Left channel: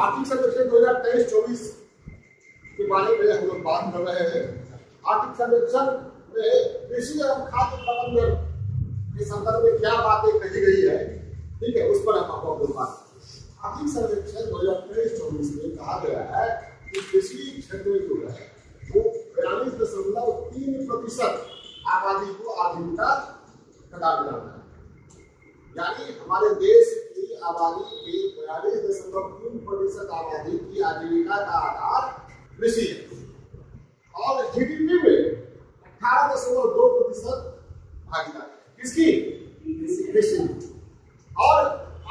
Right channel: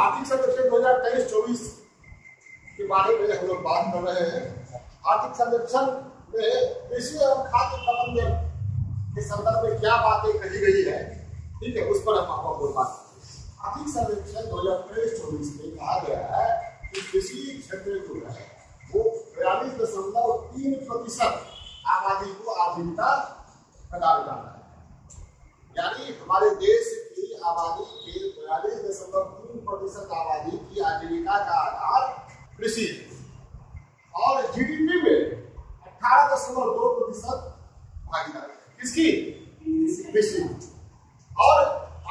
आर्थिक सर्वेक्षण 2023-24 के बारे में हम लोग बात कर रहे हैं। आर्थिक सर्वेक्षण में कृषि एवं खाद्य प्रबंधन के संदर्भ में क्या बातें कही गई है, ठीक है, उस पर हम आपको बात करें। आर्थिक सर्वेक्षण 2023-24 में कहा गया है कि कृषि क्षेत्र जो है वो 42.3% आबादी को आजीविका प्रदान करता है। यानी हमारे देश की आबादी के 42.3% आबादी की आजीविका का आधार कृषि है और जीडीपी में 18.2% भागीदारी है। किसकी? कृषि। और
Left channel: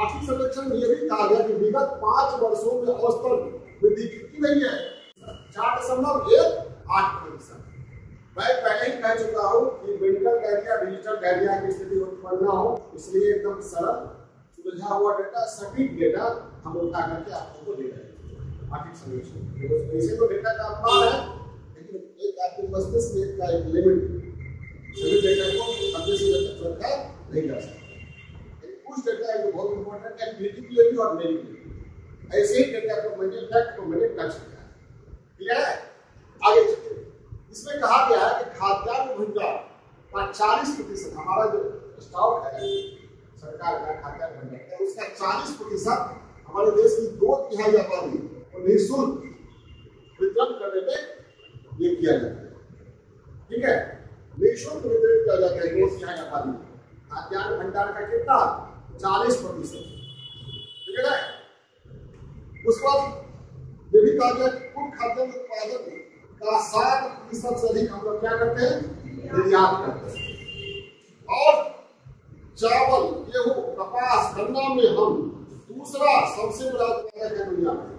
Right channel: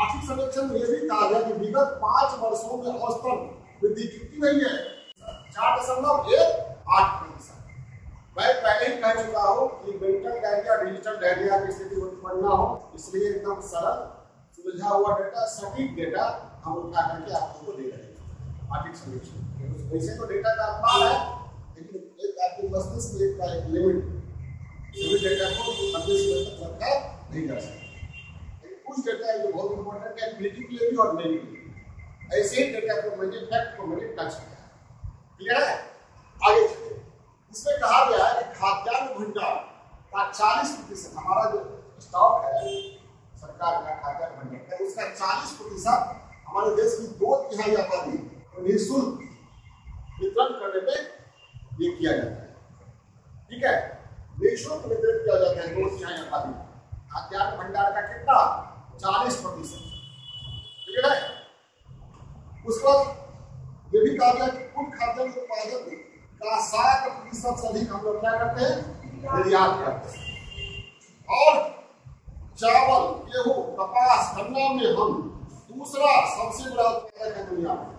आर्थिक सर्वेक्षण में यह भी कहा गया कि विगत 5 वर्षों में औसतन वृद्धि कितनी रही है? 4.18%। मैं पहले ही कह चुका हूँ कि मेंटल डायरिया डिजिटल डायरिया की स्थिति उत्पन्न न हो, इसलिए एकदम सरल सुलझा हुआ डेटा, सटीक डेटा हम उठा करके आप लोगों को दे रहे हैं। आर्थिक सर्वेक्षण वैसे तो डेटा का अपार है, लेकिन एक आपके मस्तिष्क में का एक लिमिट सभी डेटा को मस्तिष्क में रखा नहीं जा सकता। कुछ डेटा जो बहुत इंपॉर्टेंट है क्रिटिकली और नेगेटिव, ऐसे ही डेटा को मैंने फैक्ट को मैंने टच किया। क्लियर है? आगे चलिए। इसमें कहा गया है कि खाद्यान्न भंडार का 40% हमारा जो स्टॉक है सरकार का खाद्यान्न भंडार है उसका 40% हमारे देश की 2/3 आबादी को निःशुल्क वितरण करने में ये किया जाता है। ठीक है, निःशुल्क वितरण किया जाता है 2/3 आबादी खाद्यान्न भंडार का कितना? 40%। ठीक है। उसको ये भी कहा गया कि कुल खाद्यान्न उत्पादन का 60% से अधिक हम लोग क्या करते हैं? निर्यात करते हैं। और चावल, गेहूं, कपास, गन्ना में हम दूसरा सबसे बड़ा उत्पादक है दुनिया में।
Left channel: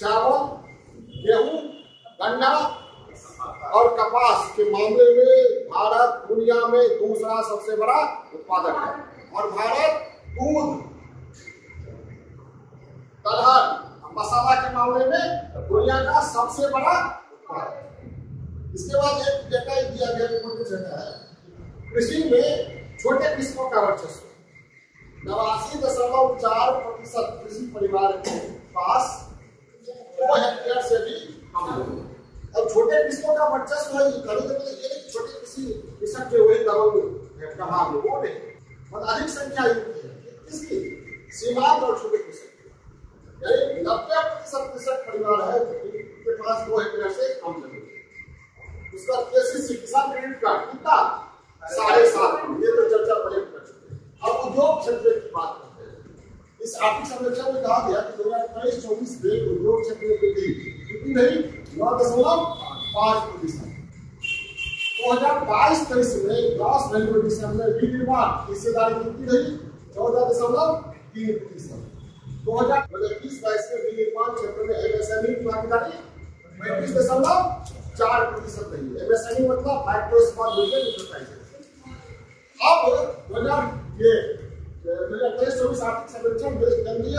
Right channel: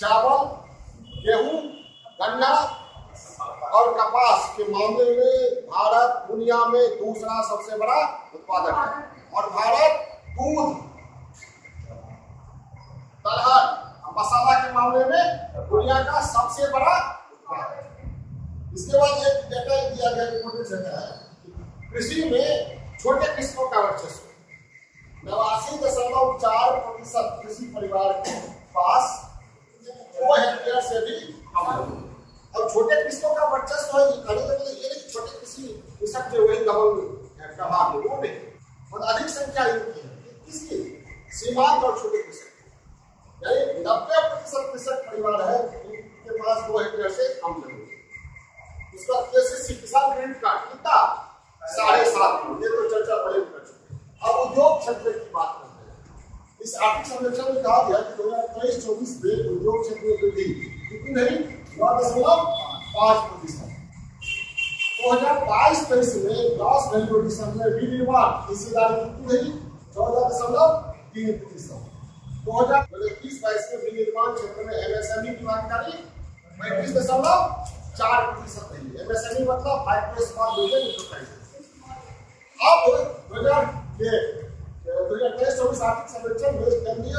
चावल, गेहूं, गन्ना और कपास के मामले में भारत दुनिया में दूसरा सबसे बड़ा उत्पादक है। और भारत दूध, दलहन, मसाला के मामले में दुनिया का सबसे बड़ा। इसके बाद एक डेटा दिया गया है कृषि में छोटे किसानों का वर्चस्व 89.4% कृषि परिवार के पास 2 हेक्टेयर से भी कम है। और छोटे किसानों का वर्चस्व है छोटे कृषक जो वही डबल प्रभाव है वो नहीं, और अधिक संख्या इनकी है। किसकी? सीमांत और छोटे कृषक, यानी 90% कृषक परिवार है के पास 2 हेक्टेयर से कम जमीन। उसका केसीसी किसान क्रेडिट कार्ड कितना? 7.5। ये तो चर्चा पहले कर चुके हैं। अब उद्योग क्षेत्र की बात करते हैं। इस आर्थिक सर्वेक्षण में कहा गया कि 2023-24 में उद्योग क्षेत्र में वृद्धि कितनी रही? 9.5%। 2022-23 में ग्रॉस वैल्यू एडिशन में विनिर्माण हिस्सेदारी कितनी रही? 14.3%। 2021-22 में विनिर्माण क्षेत्र में एमएसएमई की भागीदारी 35.4% रही। एमएसएमई मतलब माइक्रो स्मॉल मीडियम एंटरप्राइजेज। अब 2023-24 आर्थिक सर्वेक्षण में केंद्रीय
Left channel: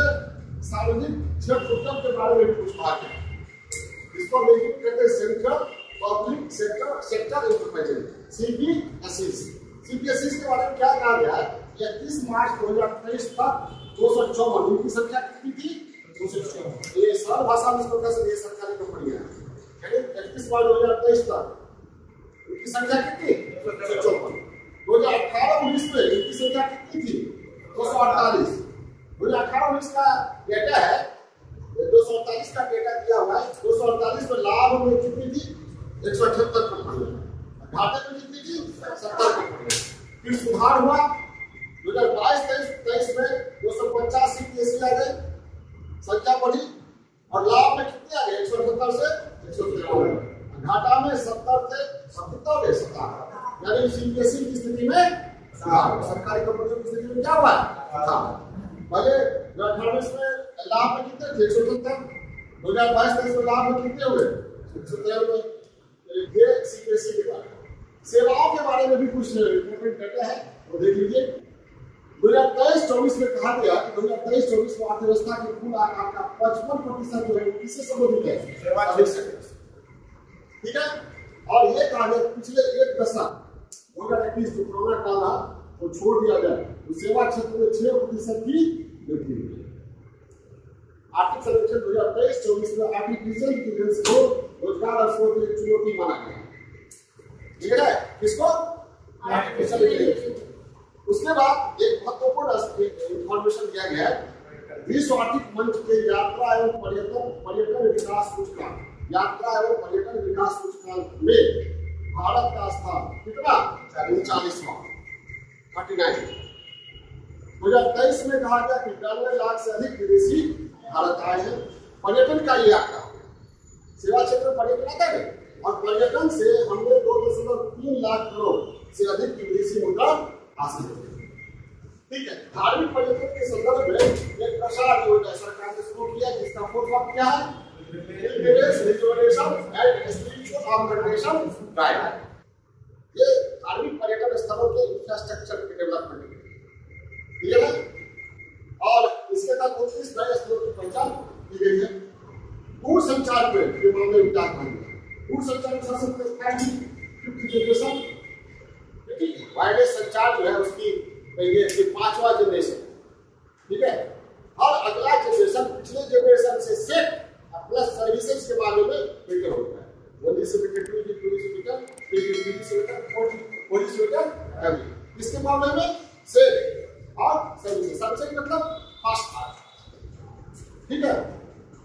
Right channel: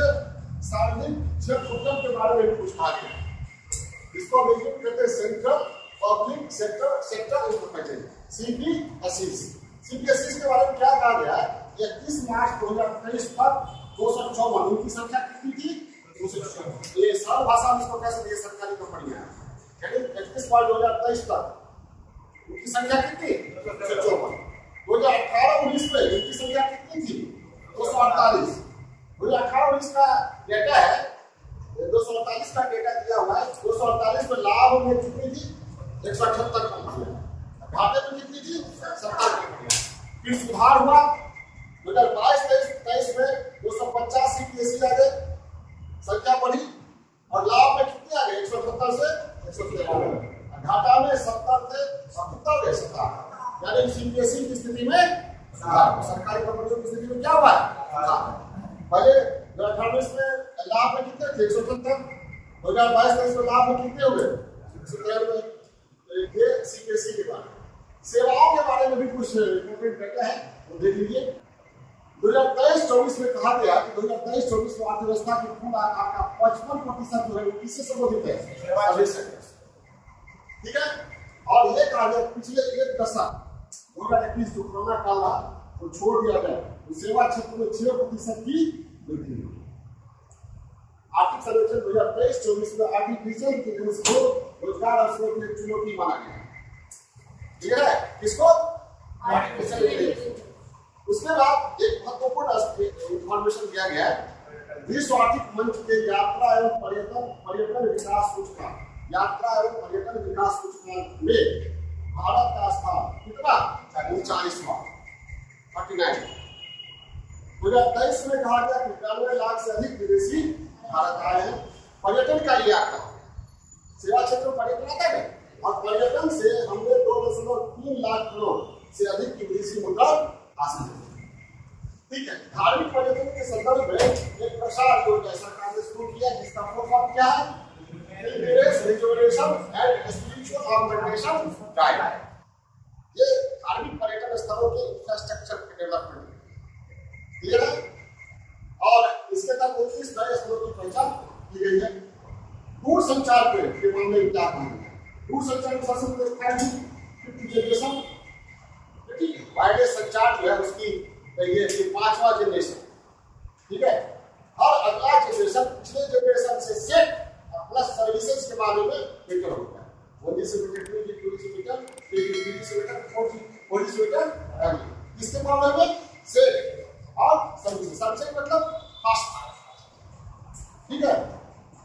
सार्वजनिक क्षेत्र उद्यम के बारे में पूछा गया। इसको हम कहते हैं central public sector enterprises, CPSE के बारे में क्या कहा गया है? 31 मार्च 2023 तक 254 इनकी संख्या कितनी थी? 254। ये सरल भाषा में इसको कैसे ये सरकारी कंपनियां हैं, यानी 31 मार्च 2023 तक इनकी संख्या कितनी? 254। 2018-19 में इनकी संख्या कितनी थी? 248। 2018-19 का डेटा है, 248 का डेटा दिया हुआ है। 248 में लाभ में कितनी थी? 178 कंपनियां। घाटे में कितनी थी? 70 कंपनियां। फिर सुधार हुआ 2022-23 में 250 सीपीएसई आ गए, संख्या बढ़ी। और लाभ में कितने आ गए? 178 से 113। घाटा में 70 से 70, यानी सीपीएसई की स्थिति में सरकारी कंपनियों की स्थिति में क्या हुआ? पहले 2018 में लाभ में कितने थे? 178। 2022-23 में लाभ में कितने हुए? 113। ये सीपीएसई के बारे में। सेवाओं के बारे में भी कुछ इंपॉर्टेंट डेटा है, वो देख लीजिए। 2023-24 में कहा गया कि 2023-24 में अर्थव्यवस्था की कुल आकार का 55% जो है किससे संबंधित है? ठीक है। और ये कहा गया पिछले एक दशक 2021 जो कोरोना काल था वो छोड़ दिया गया, तो सेवा क्षेत्र में 6% की वृद्धि हुई। आर्थिक सर्वेक्षण 2023-24 में आर्टिफिशियल इंटेलिजेंस को रोजगार अवसरों के लिए चुनौती माना गया। ठीक है, किसको? Artificial intelligence. उसके बाद एक महत्वपूर्ण इंफॉर्मेशन दिया गया है, विश्व आर्थिक मंच के यात्रा एवं पर्यटन विकास सूचकांक, यात्रा एवं पर्यटन विकास सूचकांक में भारत का स्थान कितना? 39वां, 49। 2023 में कहा गया कि 91 लाख से अधिक विदेशी भारत आए हैं। पर्यटन का ये आंकड़ा, सेवा क्षेत्र में पर्यटन आता है, और पर्यटन से हमने 2.3 लाख करोड़ से अधिक की विदेशी मुद्रा हासिल की। ठीक है, धार्मिक पर्यटन के संदर्भ में एक प्रसार योजना सरकार ने शुरू किया, जिसका फुल फॉर्म क्या है? Pilgrimage rejuvenation and spiritual organisation guide. ये धार्मिक पर्यटन स्थलों के इंफ्रास्ट्रक्चर के डेवलपमेंट क्लियर है, और इसके तहत 29 नए स्थलों की पहचान की गई है। दूरसंचार के मामले में क्या कहेंगे? दूरसंचार में सबसे पहले 5th जनरेशन, वायरलेस संचार जो है उसकी ये 5वां जनरेशन। ठीक है, और अगला जनरेशन पिछले जनरेशन से सेट प्लस सर्विसेज के मामले में बेटर होता है। 1G से बेटर, 2G, 2G से बेटर, 3G से बेटर, 4G से बेटर, इसके मामले में सेट और सर्विसेज। सर्विसेज मतलब फास्ट। ठीक है,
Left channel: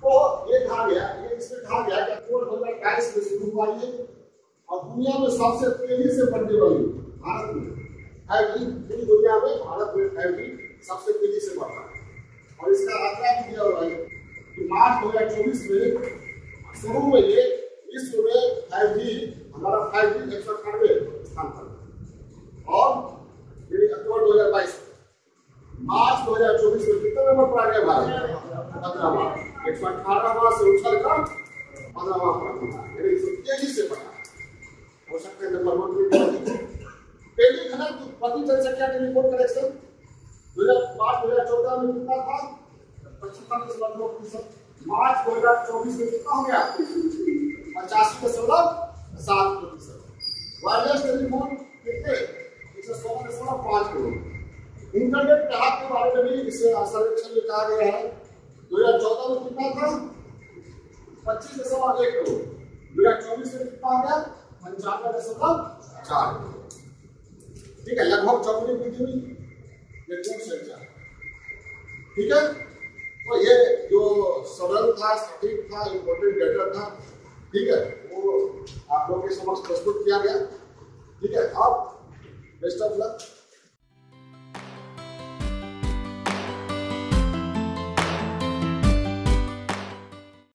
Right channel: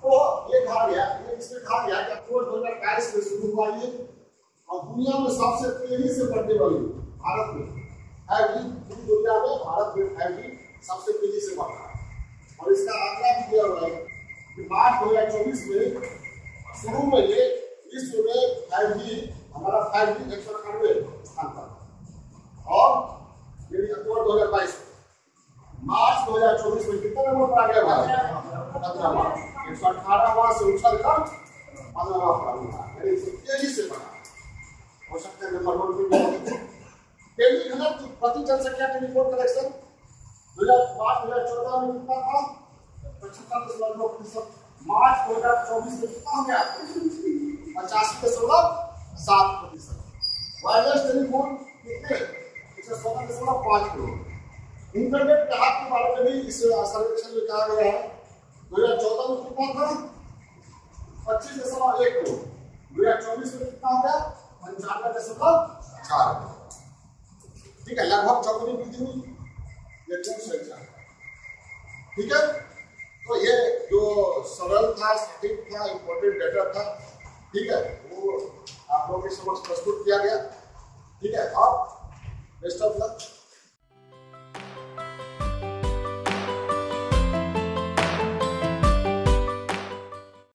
तो ये कहा गया, ये इसमें कहा गया कि अक्टूबर 2022 में शुरू हुआ ये, और दुनिया में सबसे तेजी से बढ़ने वाली भारत में 5G, पूरी दुनिया में भारत में 5G सबसे तेजी से बढ़ रहा है। और इसका आंकड़ा भी दिया हुआ है कि मार्च 2024 में शुरू में ये विश्व में 5G, हमारा 5G 198 स्थान पर, और ये अक्टूबर 2022 मार्च 2024 में कितना नंबर पर आ गया भारत? 15वां, 118वां से उछलकर 15वां पर, यानी तेजी से बढ़ा। हो सकता है नंबर 1 पे टेली घनत्व प्रति जनसंख्या टेलीफोन कनेक्शन 2014 में कितना था? 75.9%। मार्च 2024 में कितना हो गया? 85.7%। वायरलेस टेलीफोन कितने? 116.5 करोड़। इंटरनेट के हाथ के बारे में भी इस सर्वेक्षण में कहा गया है। 2014 में कितना था? 25.1 करोड़। 2024 में कितना हो गया? 95.4 करोड़। ठीक है, लगभग चौगुनी वृद्धि हुई। ये दूरसंचार, ठीक है। तो ये जो सरल था, सटीक था, इंपॉर्टेंट डेटा था, ठीक है, वो आप लोगों के समक्ष प्रस्तुत किया गया। ठीक है, अब बेस्ट ऑफ लक।